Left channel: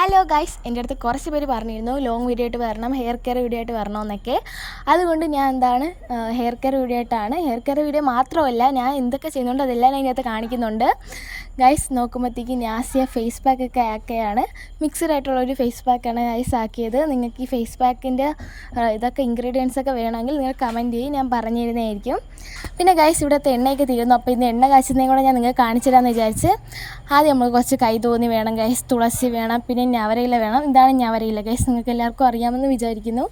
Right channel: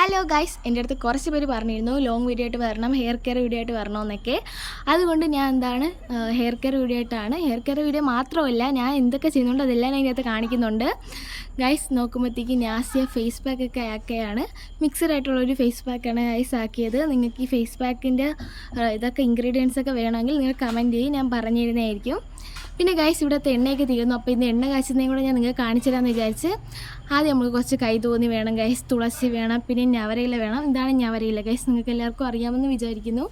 Hello guys, എൻ്റെ അടുത്ത് കുറച്ച് പേര് പറഞ്ഞിരുന്നു ലോങ് വീഡിയോ ആയിട്ട് വരണം, ഹെയർ കെയർ വീഡിയോ ആയിട്ട് വരണമെന്നൊക്കെ. അതുകൊണ്ട് ഞാൻ ഹെയർ കെയർ വീഡിയോ ആയിട്ടാണ്. ഹെയർ കെയർ വീഡിയോ മാത്രമല്ല, ഞാൻ എന്തൊക്കെ ചെയ്യുന്നുണ്ട് അതെല്ലാം ഞാൻ ഇതിനകത്ത് കാണിക്കുന്നുണ്ട്. ഗൈസ് നോക്കുമ്പോഴത്തേക്ക് നാസിയ ഫേസ് പാക്കൊക്കെ ആക്കുകയാണ്. മിക്സഡ് ആയിട്ടുള്ളൊരു ഫേസ് പാക്കാണ് ഗൈസ് ആക്കിയത്. നിങ്ങൾക്ക് ഈ ഫേസ് പാക്കിൻ്റെ ഇതൊക്കെ ഇൻഗ്രീഡിയൻസ് ഒക്കെ വേണമെങ്കിൽ നിങ്ങൾ കമൻറ്റ് ചെയ്യും, ഞാൻ പറഞ്ഞു തരുന്നതായിരിക്കും. പിന്നെ ഗൈസ് ഇവിടുത്തെ എണ്ണയൊക്കെ തീരുന്നു. അപ്പോൾ ഇന്ന് എണ്ണ കാച്ചുന്നതും കൂടെ ഞാൻ നിങ്ങൾക്ക് കാണിച്ചു തരാമെന്ന് വിചാരിച്ച്. ആദ്യം നമ്മൾ കുറച്ച് കൈതോന്നി വേണം ഗൈസ്, തുളസി വേണം, പിന്നെ ഞവരയില വേണം. ഇതാണ് ഞവരയില ഗൈസ്, നിങ്ങൾക്ക് എല്ലാവർക്കും അറിയാമെന്ന് വിചാരിക്കുന്നു.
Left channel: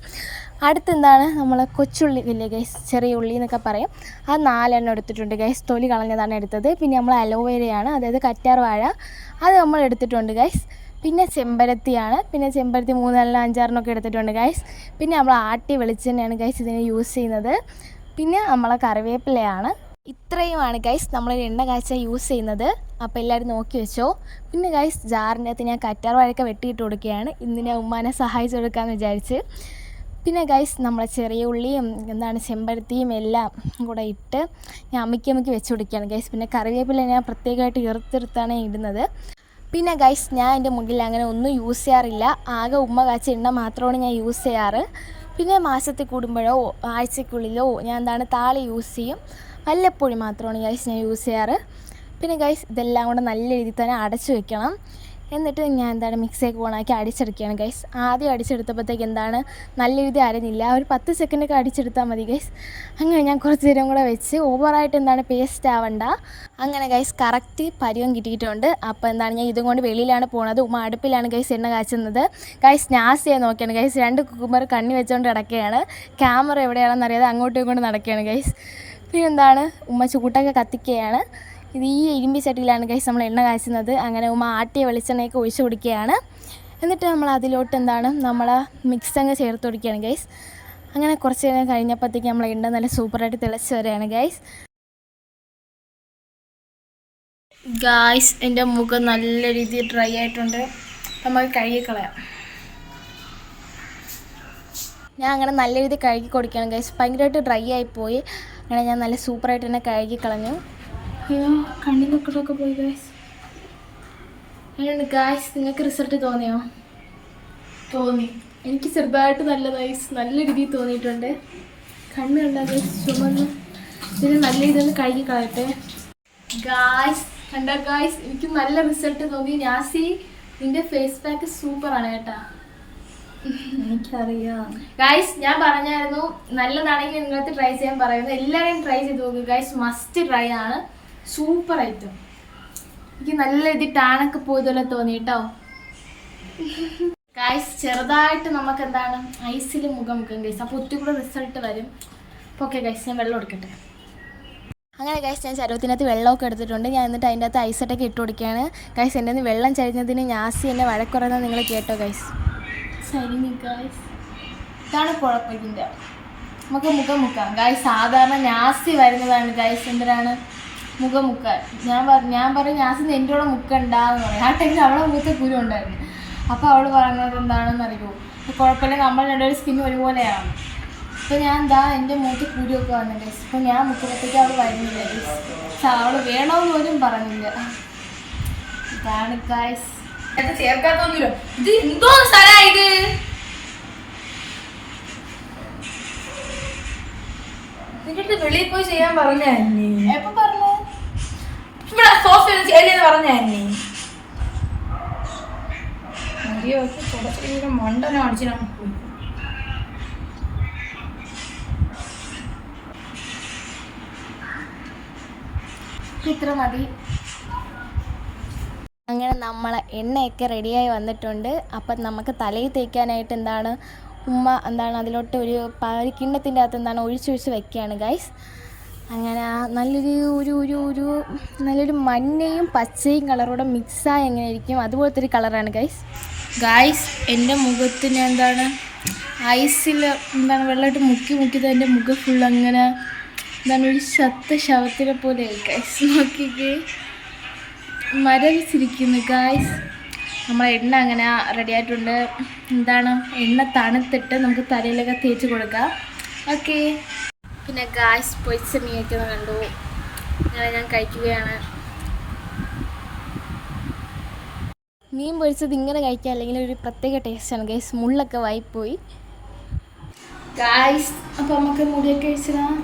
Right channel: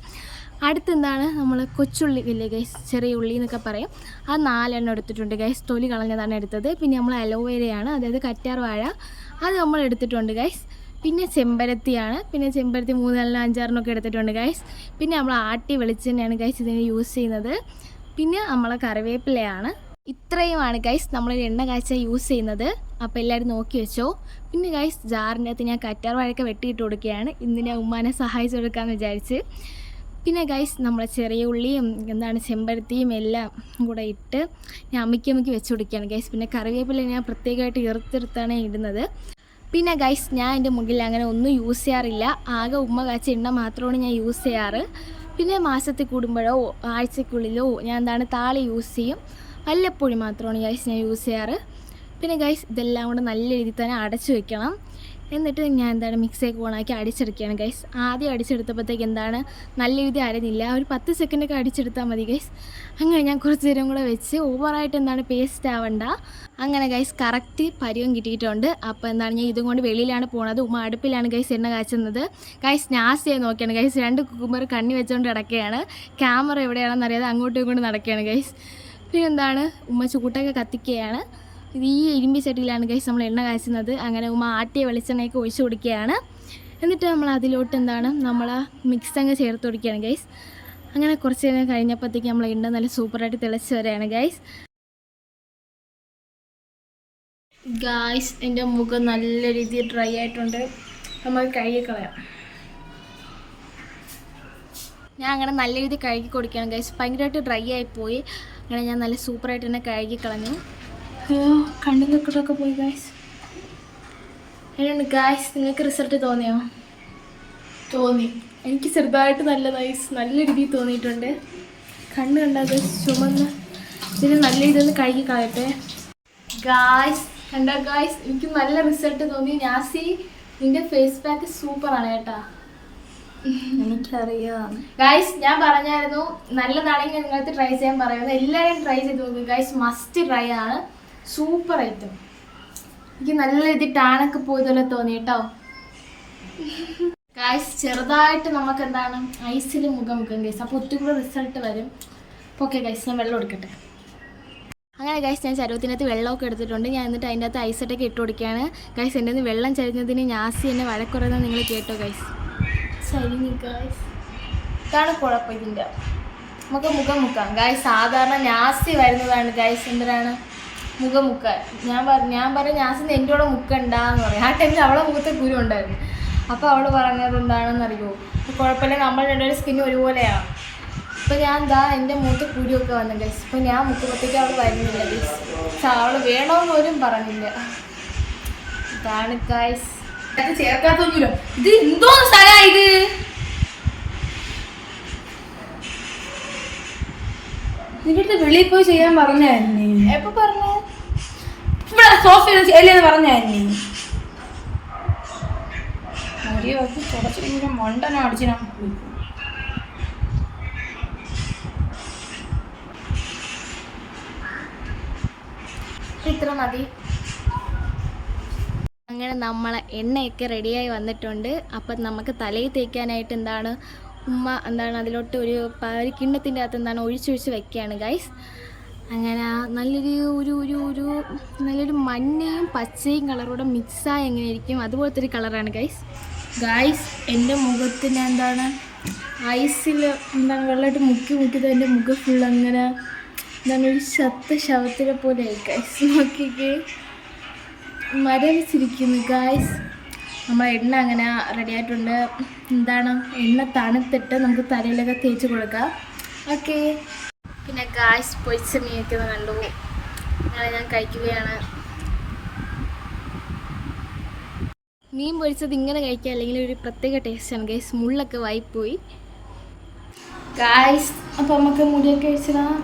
നമ്മൾ കൊച്ചുള്ളി ഇല്ലേ ഗൈസ്, ചെറിയ ഉള്ളി എന്നൊക്കെ പറയും. അത് 4 എടുത്തിട്ടുണ്ട് ഗൈസ്, തൊലി കളഞ്ഞതാണ് എടുത്തത്. പിന്നെ നമ്മൾ അലോവേരയാണ്, അതായത് കറ്റാർ വാഴ, അത് നമ്മൾ എടുത്തിട്ടുണ്ട് ഗൈസ്. പിന്നെ ചെമ്പരത്തിയാണ്, പിന്നെ ചെമ്പരത്തി 3, 5 എടുത്തിട്ടുണ്ട് ഗൈസ്. പിന്നെ നമ്മൾ ആട്ടി വെളിച്ചെണ്ണയാണ് ഗൈസ് ഇതിന് യൂസ് ചെയ്യുന്നത്. പിന്നെ നമ്മളെ കറിവേപ്പിലയാണ്. ഇത്രയുമാണ് ഗൈസ് നമ്മൾ എണ്ണ കാച്ചാൻ യൂസ് ചെയ്യുന്നത്. അപ്പോൾ എല്ലാവരും നോക്കി വെച്ചോ. പിന്നെ ഗൈസ് ജാറിൻ്റെ അകത്ത് ഞാൻ കറ്റാർ വാഴയൊക്കെ വെട്ടിയിട്ട് കൊടുക്കുകയാണ്. ഇന്ന് ഞാൻ ഉമ്മാനെ സഹായിച്ചു കൊടുക്കാമെന്ന് വിചാരിച്ച്. പിന്നെ ഗൈസ് നമ്മളെ ചെറിയ ഉള്ളിയും ചെമ്പരത്തിയും എല്ലാം കൂടെ ഇട്ട് ഞാൻ അമ്മിക്ക് വെച്ച് കൊടുക്കുകയാണ് ഗൈസ്. പിന്നെ കറിവേപ്പില ഞാൻ പ്രത്യേകമായിട്ട് ഇറുത്തെടുത്താണ് ഇടുന്നത്. പിന്നെ ഗൈസ് ഞാൻ എൻ്റെ മുടിയിൽ അങ്ങനെ ഒന്നും യൂസ് ചെയ്യാറില്ല. ആകെ ഉമ്മ കാച്ച എണ്ണ മാത്രമാണ് ഞാൻ യൂസ് ചെയ്യാറ്. പിന്നെ മാസത്തിൽ കൂടുമ്പോഴോ ആഴ്ചക്കുള്ളിലോ ഞാൻ താളി യൂസ് ചെയ്യും. വല്ലപ്പോഴും മാത്രമാണ് ഗൈസ് ഞാൻ യൂസ് ചെയ്യാറ്. പിന്നെ ഗൈസ് ഇതെല്ലാം കൂടെ നല്ല രീതിയിൽ തന്നെ അടച്ചു വെക്കണം. എന്നിട്ട് ഞാൻ മിക്സിയൊക്കെ ഓണാക്കി അടിച്ചെടുക്കുകയാണ് ഗൈസ്. ആദ്യം അടിച്ചെടുത്തപ്പോഴത്തേക്ക് നല്ല രീതി അരഞ്ഞില്ല. ഒരു 10 സെക്കൻഡൊക്കെ അടിച്ചെടുത്താൽ മതി ഗൈസ്. അങ്ങനെ ഞാൻ കുറച്ച് നേരം കൂടെ വെച്ച് ഓവറായിട്ട് പേസ്റ്റ് ആവണ്ട. അങ്ങനെ ഗൈസ് കറക്റ്റ് പരുവം കിട്ടിയിട്ടുണ്ട്. അപ്പോൾ ഞാൻ ഇതും കൊണ്ട് വെളിയിലാണ് പോകുന്നത്. ഉമ്മ അടുപ്പിലാണ് ഗൈസ് എണ്ണ കാച്ചുന്നത്. ഗൈസ് നാസിയെ നോക്കിയാണ് ഗൈസ്, 2 കുക്കുമ്പർ കണ്ണി വെച്ചുകൊണ്ട് നടക്കുകയാണ്. ക്യാമറ എവിടെയാണെന്ന് അറിയാതെ അങ്ങോട്ടും ഇങ്ങോട്ടും നടക്കുകയാണ് ഗൈസ്. പിന്നെ ഉമ്മ ചൂട്ടൊക്കെ കത്തിക്കുകയാണ്. ഇത് ഈ ഇരുമ്പി ചട്ടിയിലാണ് ഗൈസ് നമ്മൾ എണ്ണ കാച്ചുന്നത്. അങ്ങനെ ഉമ്മ ആട്ടിയ വെളിച്ചെണ്ണയൊക്കെ ഒഴിച്ച് കൊടുക്കുകയാണ്. എന്നിട്ട് നമ്മൾ അതിലോട്ട് നമ്മൾ മിക്സ് അങ്ങ് ചേർത്ത് കൊടുക്കുകയാണ് ഗൈസ്. അങ്ങനെ കുറച്ച് നേരം കഴിഞ്ഞപ്പോഴത്തേക്ക് നമ്മൾ എണ്ണ നല്ല സൂപ്പറായിട്ട് തിളച്ച് വരികയാണ് ഗൈസ്. ഗൈസ് എൻ്റെ മുഖം നല്ല രീതിയിൽ ഡ്രൈ ആയിട്ടുണ്ട്. നമുക്ക് കഴുകിക്കളയാം. ഞാൻ അങ്ങനെ നല്ല രീതിയിൽ കഴുകി കൊടുക്കുകയാണ് ഗൈസ്. ഭയങ്കരമായിട്ട് ഡ്രൈ ആയിപ്പോയി. അങ്ങനെ ഞാൻ നല്ല സൂപ്പറായിട്ട് തന്നെ കഴുകിക്കളഞ്ഞു. അയ്യോ കണ്ണിലൊക്കെ പോയി ഗൈസ്. എങ്ങനെയുണ്ട് ഗൈസ്, നിങ്ങൾക്ക് റിസൾട്ട് തോന്നിയോ? തോന്നി. എനിക്ക് ചെറുതായിട്ട് നല്ല രീതിയിൽ തോന്നിയിട്ടുണ്ട്. കണ്ണ് കണ്ടാൽ ഗൈസ് ചുമന്ന്. ഇതിന് നല്ല രീതിയിൽ കഴുകി കളയട്ടെ ഗൈസ്. കണ്ട ഗൈസ്, എനിക്ക് നല്ല റിസൾട്ട് തോന്നി. നാസി നിന്റെ ഫേസ് പാക്ക് സൂപ്പറാണ് കേട്ടാ. എനിക്കറിയാം ഗൈസ്, ഞാൻ പറഞ്ഞായിരുന്നു നല്ലതാണെങ്കിൽ നിങ്ങൾക്ക് ട്രൈ ചെയ്യാൻ പറയുന്നത്. എല്ലാവരും ട്രൈ ചെയ്ത് നോക്കുക ഗൈസ്, മസ്റ്റ് ട്രൈ ആണ്. Super item. എനിക്ക് നല്ല രീതിയിൽ ടാനൊക്കെ പോയതുപോലെ തോന്നി കേട്ടോ ഗൈസ്. ചെറുതായിട്ട് നമുക്ക് ഐസിൽ മുഖം ഗൈസ്. അപ്പോൾ ഒത്തിരി കൂടെ റിസൾട്ട് വരും. അപ്പോൾ ഓക്കെ ഗൈസ്, ഞാൻ വെള്ളം എടുക്കട്ടെ. അങ്ങനെ ഗൈസ് ഞാൻ ചരുവത്തിനകത്ത് വെള്ളമൊക്കെ എടുത്തിട്ടുണ്ട്. ഞാൻ എന്നിട്ട് അതിൻ്റെ അകത്ത് ഐസൊട്ടൊക്കെ ഇട്ട് കൊടുക്കുകയാണ് ഗൈസ്. എൻ്റെ വെള്ളം ചരിഞ്ഞതിന് നാസി എന്നെ വഴക്കുറയുന്നത് നിങ്ങൾ കേട്ടോ ഗൈസ്. ചരിഞ്ഞു ഗൈസ്, ഇതാണ് കുഴപ്പം ഇതിൻ്റെ. നമുക്ക് മുഖം മുക്കാം ഗൈസ്. സാധാരണ നാസി വരുന്നതാണ് ഗൈസ് മുഖം മുക്കാൻ. ഞാൻ പറയും നാസിന് എൻ്റെ കൂടെ മുക്കണ്ടെന്ന് പറയും. ആ ടൈമിൽ അവളെ മുഖത്തെ കുരു ഉണ്ടായിരുന്നു. അപ്പോൾ അവൾ പറഞ്ഞത് എന്താണെന്നറിയുമോ, കുഴപ്പമില്ല നമ്മൾ രണ്ടുപേരും സ്കിൻ ഒരുപോലെയാണ്. അപ്പോൾ ഞാൻ എൻ്റെ മുഖത്ത് കുരുവൊക്കെ വന്നു ഗൈസ്. അപ്പോൾ ഞാൻ മുക്കുമ്പോഴത്തേക്ക് അവൾ വരുന്നില്ല ഗൈസ്. അവൾ വേണമെന്ന് പോലും പറഞ്ഞില്ല. ഇതാണ് ഗൈസ്. ചേർക്കാത്തൊന്നുമില്ലോ. ഇത് എന്തോ സ്ഥലമായത്. ഇതിന്റെ വെളിയിൽ പോയി ചെയ്യാൻ പറഞ്ഞായിരുന്നേ. എപ്പോൾ പറഞ്ഞു? ഇവിടെ സോഫയിൽ ചെയ്യലെന്ന് പറഞ്ഞായിരുന്നേ. ചുടച്ചിട്ട് മണ്ടനം അടിച്ച് നമുക്ക് പോയി. ഇത്ര മതി. അങ്ങനെ നമ്മളെ എണ്ണയൊക്കെ റെഡിയായി വന്നിട്ടുണ്ട്. അപ്പം നമുക്ക് തലയിൽ തേക്കാനായിട്ട് ഉമ്മ അതിലോട്ട് ഒരു കിണ്ണത്തിൻ്റെ അകത്ത് ഒഴിച്ചൊഴിച്ച് വെക്കുകയാണ് ഗൈസ്. അങ്ങനെ നല്ലൊരു മഞ്ഞയും പച്ചയും കളറോടെ മിക്സായി എങ്ങനെയായിരിക്കും അതുപോലത്തെ ഒരു കളറാണ് ഗൈസ്. എൻ്റെ മുഖത്ത് ഞാൻ ഐസിൽ വെള്ളമായിട്ട് മുക്കിയത് എൻ്റെ മുഖം ഫുൾ അങ്ങനെ ഒരു ശവത്തിനെ പോലെ ഗൈസ്. നോക്കിക്കേ, മരവിച്ചിരിക്കുന്നു ഗൈസ്. നമ്മൾ എണ്ണ അങ്ങനെ റെഡി ആയിട്ടുണ്ട്. എണ്ണ തണുത്തിട്ട് നമുക്ക് തലയിലൊക്കെ തേച്ച് കൊടുക്കാം. ഓക്കെ. പിന്നെ ഗൈസ് പൊരിച്ച മീനൊക്കെ കണ്ടു. അങ്ങനെ ഞാൻ കഴിക്കുകയാണ്. മീൻ പൊരിച്ചത് ഇങ്ങനെ കഴിക്കുക അല്ലെങ്കിൽ ഒരു പ്രത്യേക ടേസ്റ്റാണ് ഗൈസ്. മുള്ളൊക്കെ വായിപ്പോയി ഗൈസ്. അപ്പോൾ നമുക്ക് മുടിയൊക്കെ വെച്ചിടാം.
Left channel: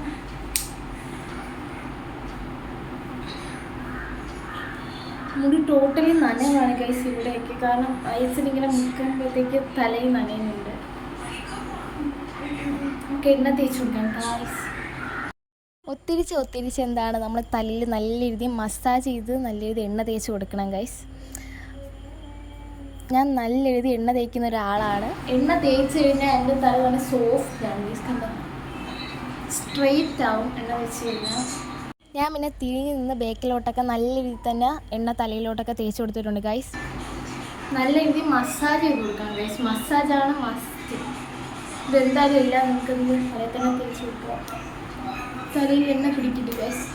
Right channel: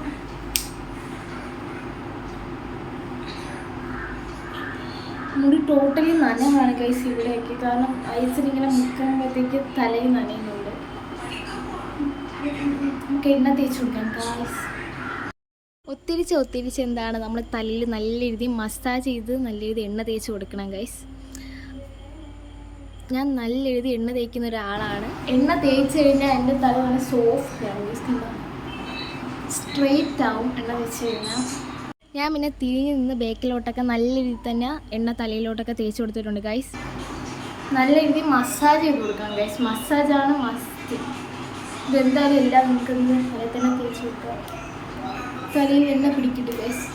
മുടി ടോട്ടലി നനവാണ് ഗൈസ് ഇവിടെയൊക്കെ. കാരണം ഐസിനിങ്ങനെ മുക്കുമ്പോഴത്തേക്ക് തലയിൽ നനയുന്നുണ്ട്. നമുക്ക് എണ്ണ തേച്ച് കൊടുക്കാം ഗൈസ്. ഒത്തിരിച്ച് എന്താണ് നമ്മൾ തലയിൽ നല്ല രീതിയിൽ മസാജ് ചെയ്ത് നല്ല രീതിയിൽ എണ്ണ തേച്ച് കൊടുക്കണം ഗൈസ്. ഞാൻ നല്ല രീതിയിൽ എണ്ണ തേക്കുന്ന ഒരാളാണ്. എണ്ണ തേച്ച് കഴിഞ്ഞാൽ എൻ്റെ തല നല്ല സോഫ്റ്റാണ് ഗൈസ്. കണ്ടോ, സ്ട്രെയിറ്റ് ആവും എണ്ണ തേച്ച് കഴിഞ്ഞാൽ. ഞാൻ പിന്നെ തിരിഞ്ഞ് നിന്ന് ബേക്കിലോട്ടൊക്കെ നല്ല രീതിയിൽ തന്നെ എണ്ണ തലയിലോട്ടൊക്കെ തേച്ച് കൊടുത്തിട്ടുണ്ട് ഗൈസ്. നല്ല രീതിയിൽ മസാജ് ചെയ്ത് കൊടുക്കാം ഗൈസ്. മസാജാണ് മസ്റ്റ്. ഇതെന്തായാലും എല്ലാം നമുക്കൊന്ന് തലയിൽ തന്നെ തേച്ച് കൊടുക്കാം. തലയിൽ എണ്ണ പിടിക്കിട്ട് ഗൈസ്.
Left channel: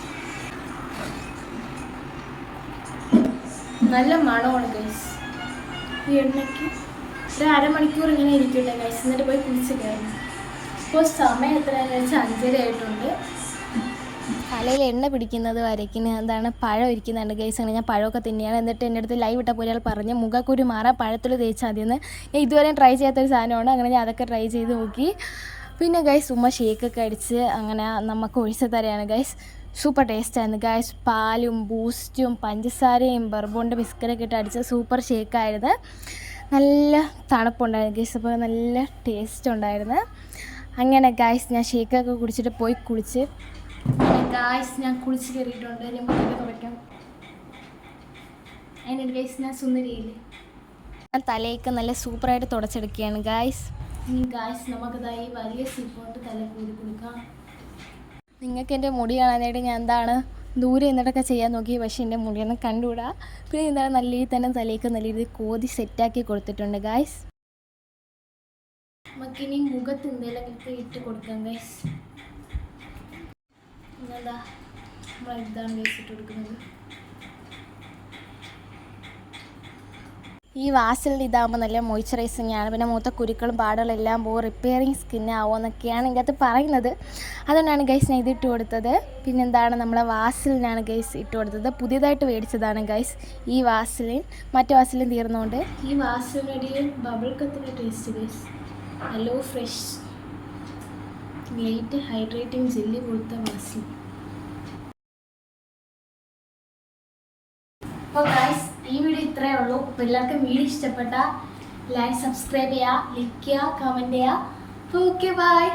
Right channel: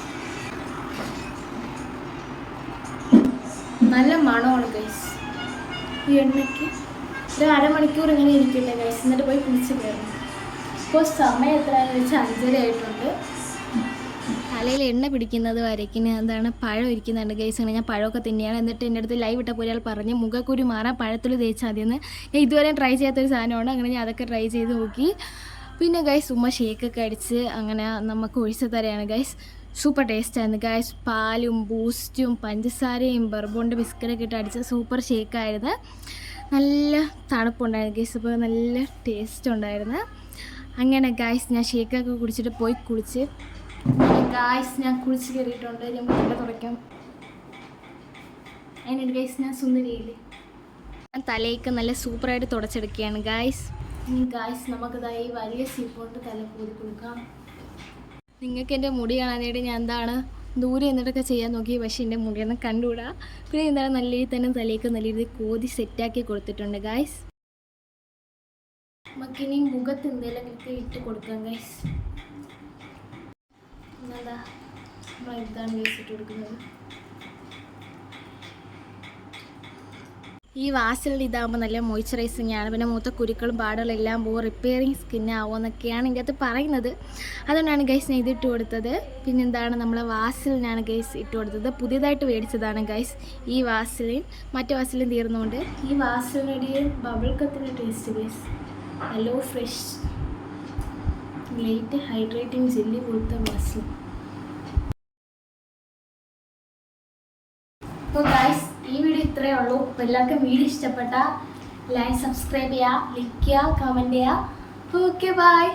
നല്ല മണമാണ് ഗൈസ് ഈ എണ്ണയ്ക്ക്. ഒരു അരമണിക്കൂർ ഇങ്ങനെ ഇരിക്കട്ടെ ഗൈസ്, എന്നിട്ട് പോയി കുളിച്ച് കയറണം. ഇപ്പോൾ സമയം എത്രയാണെന്ന് വെച്ചാൽ 5:30 ആയിട്ടുണ്ട്. തലയിൽ എണ്ണ പിടിക്കുന്നത് വരയ്ക്കുന്ന എന്താണ് പഴം ഇരിക്കുന്നുണ്ട് ഗൈസ്. അങ്ങനെ ഞാൻ പഴമൊക്കെ തന്നെയാണ്. എന്നിട്ട് എൻ്റെ അടുത്ത് ലൈവ് ഇട്ടപ്പോൾ ഒരാൾ പറഞ്ഞ് മുഖക്കുരു മാറാൻ പഴത്തിൽ തേച്ചാൽ മതിയെന്ന്. ഞാൻ ഇതുവരെ ട്രൈ ചെയ്യാത്തൊരു സാധനമാണ്. അങ്ങനെ ഞാൻ അതൊക്കെ ട്രൈ ചെയ്ത് നോക്കി. പിന്നെ ഗൈസ് ഉമ്മ ഷേക്കൊക്കെ അടിച്ച് അങ്ങനെ നമുക്ക് ഒഴിച്ച് തരാണ് ഗൈസ്. Super ടേസ്റ്റായിരുന്നു guys. പാലും ബൂസ്റ്റും പഞ്ചസാരയും ബർബോണിൻ്റെ ബിസ്ക്കറ്റൊക്കെ ഇട്ട് അടിച്ച സൂപ്പർ ഷേക്കായിരുന്നു. നല്ല തണുപ്പുണ്ടായിരുന്നു ഗൈസ്. അപ്പോൾ നല്ല ടേസ്റ്റ് ഉണ്ടായിരുന്നു. അങ്ങനെ ഗൈസ് ഞാൻ ഷേക്കൊക്കെ കുടിച്ചിട്ട് പോയി കുളിച്ച്. അങ്ങനെ ഗൈസ് ഞാൻ കുളിച്ച് കയറിയിട്ടുണ്ട്. ഞാൻ നല്ല തുറയ്ക്കും. അതിനുണ്ട് ഗൈസ് ഞാൻ സുന്ദരിയില്ലേ. ഞാൻ തലയൊക്കെ നല്ല സൂപ്പറായിട്ട് തുടച്ചെടുക്കുകയാണ് ഗൈസ്. ഇനി ഗൈസ് നമുക്കതായി വലിയ സീപ്പോട്ട് തല പൂരി കൊടുക്കാം. നിങ്ങൾക്ക് എൻ്റെ മുടി കാണാനായിട്ട് ഞാൻ എന്താണ് ദൂരെ നിന്നിട്ടൊക്കെ ചെയ്യാൻ നോക്കി. പക്ഷേ എൻ്റെ മുടിയൊന്നും കണ്ടുകൂടാ. പിന്നെ എന്താണ് നല്ല രീതിയിൽ തന്നെ തലയൊക്കെ നല്ല രീതിയിൽ കോതി സെറ്റാക്കി കൊടുത്തിട്ടുണ്ട് ഗൈസ്. നമുക്കിനി മുഖത്ത് എന്തെങ്കിലുമൊക്കെ ഇട്ട് കൊടുക്കാം ഗൈസ്. പിന്നെന്താ നമ്മൾ ഇതാണ് ഗൈസ് ഇട്ട് കൊടുക്കുന്നത്. ഈ വാസലിൻ്റെ ഇതാകുമ്പോൾ നല്ല മോയ്സ്ചറൈസിങ് ആണ്. പിന്നെ മൂത്ത കുരുക്കളും പാടുകളും എല്ലാം പോകും. റിപ്പയറിങ് സ്കിന്നാവുമെന്നൊക്കെയാണ് ഇതിൻ്റെ അകത്ത് പറയുന്നത്. അതുതന്നെയാണ് ഗൈസ് ഞാൻ ഇതിട്ട് കൊടുത്തത്. പിന്നെന്താണ് നമ്മളെ വാസലിനാണ് ഗൈസ് ഇട്ട് കൊടുത്തത്. പുതിയതായിട്ട് മേടിച്ചതാണ് ഗൈസ് ഈ വാസലിൻ. മറ്റു വാസലിൻ തീർന്നുകൊണ്ട് ഈ വാസലിനൊരു ബബിൾ കത്തിൻ്റെ taste guys. Hello fresh light hydrating jelly പോലത്തെ വാസലിൻ. അപ്പോൾ ഗൈസ് ഈ വീഡിയോ ഇത്രയേ ഉള്ളൂ. അപ്പോൾ എല്ലാവർക്കും വീഡിയോ ഇഷ്ടപ്പെട്ട ലൈക്ക് സബ്സ്ക്രൈബ് ചെയ്യുക, ലൈക്ക് ചെയ്യുക, കമൻറ്റ് ചെയ്യുക. Okay by.